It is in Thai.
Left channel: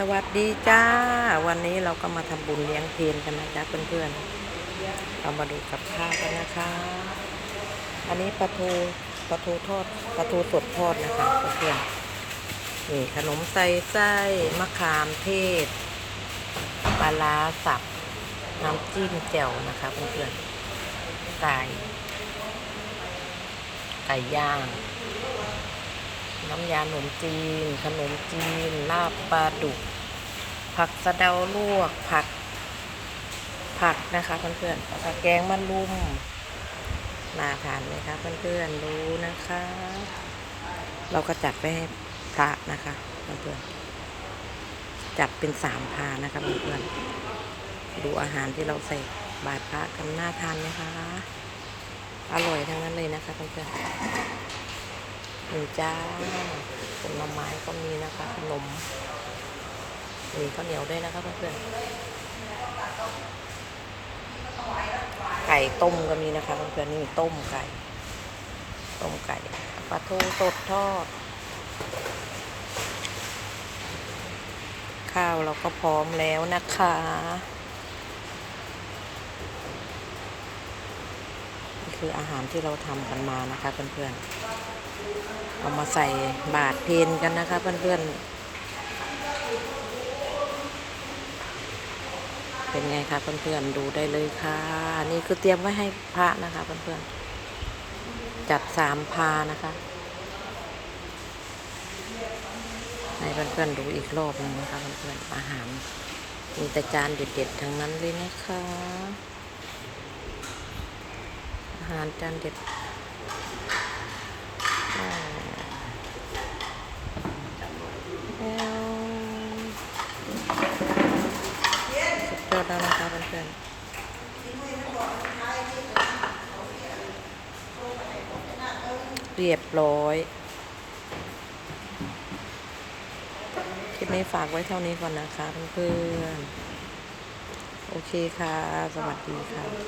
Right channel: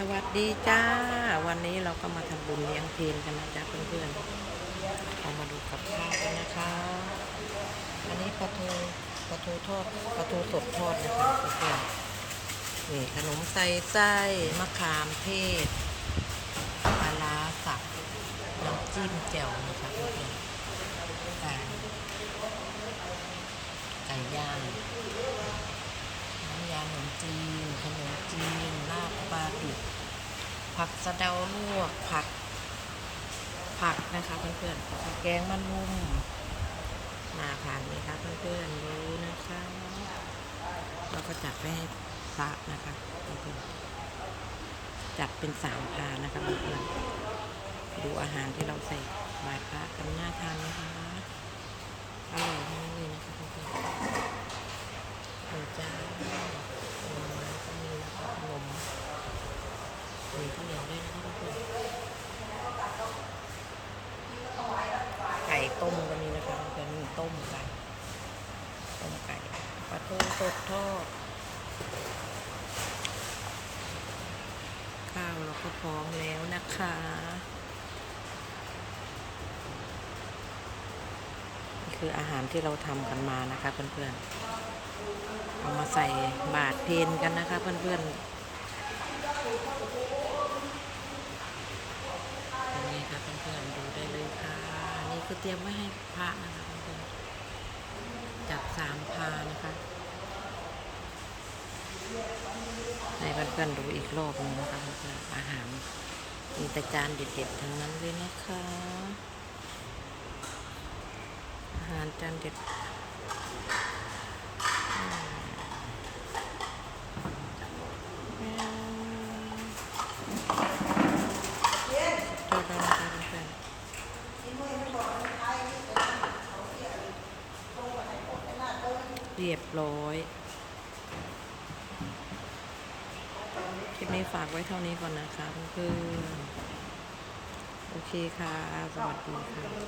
สวัสดีจ้า วันนี้เราก็มาทำบุญเลี้ยงเพลกันนะจ๊ะเพื่อนๆเรามาดูกับข้าวกันนะคะ อันนี้ปลาทูปลาทูทอดปลาทูสดทอดนะคะเพื่อนๆนี่ขนมใส่ไส้มะขามเทศปลาร้าสับน้ำจิ้มแจ่วนะคะเพื่อนๆไก่ไก่ย่าง น้ำยาขนมจีน ขนมจีน ลาบปลาดุก ผักสะเดาลวก ผัก ผักนะคะเพื่อนๆแล้วก็แกงมันลุมน่าทานไหมคะเพื่อนๆดูนะคะ เราก็จัดไปให้พระนะคะเพื่อนๆจัดเป็นสามพานะคะเพื่อนๆดูอาหารที่เราใส่บาตรพระกันน่าทานไหมคะ อร่อยทั้งนั้นเลยนะคะเพื่อนๆ มีจ้าผลไม้ก็มีนะคะขนมมีข้าวเหนียวด้วยนะคะเพื่อนๆไก่ต้มก็มีนะคะเพื่อนๆนี่ต้มไก่ ต้มไก่ปลาทูสดทอด ข้าวเราก็พร้อมแล้วนะคะนี่คืออาหารที่เราทำกันมานะคะเพื่อนๆ เอามาใส่บาทเพนกันนะคะ เพื่อนๆ เป็นไงคะเพื่อนๆ ดูได้เลยค่ะ นี่คือเตรียมไว้ให้พระนะคะ เพื่อนๆ จัดสามพานะคะ ให้เพื่อนๆ ดูอีกรอบหนึงนะคะ เพื่อนๆ อาหาร มีแต่จานเด็ดๆ ทั้งนั้นเลยนะคะ อาหารจานเด็ด แล้วสุด ยอดแล้วนะคะเพื่อนๆเรียบร้อย คลิปนี้ฝากไว้เท่านี้ก่อนนะคะเพื่อนๆ โอเคค่ะ สวัสดีค่ะ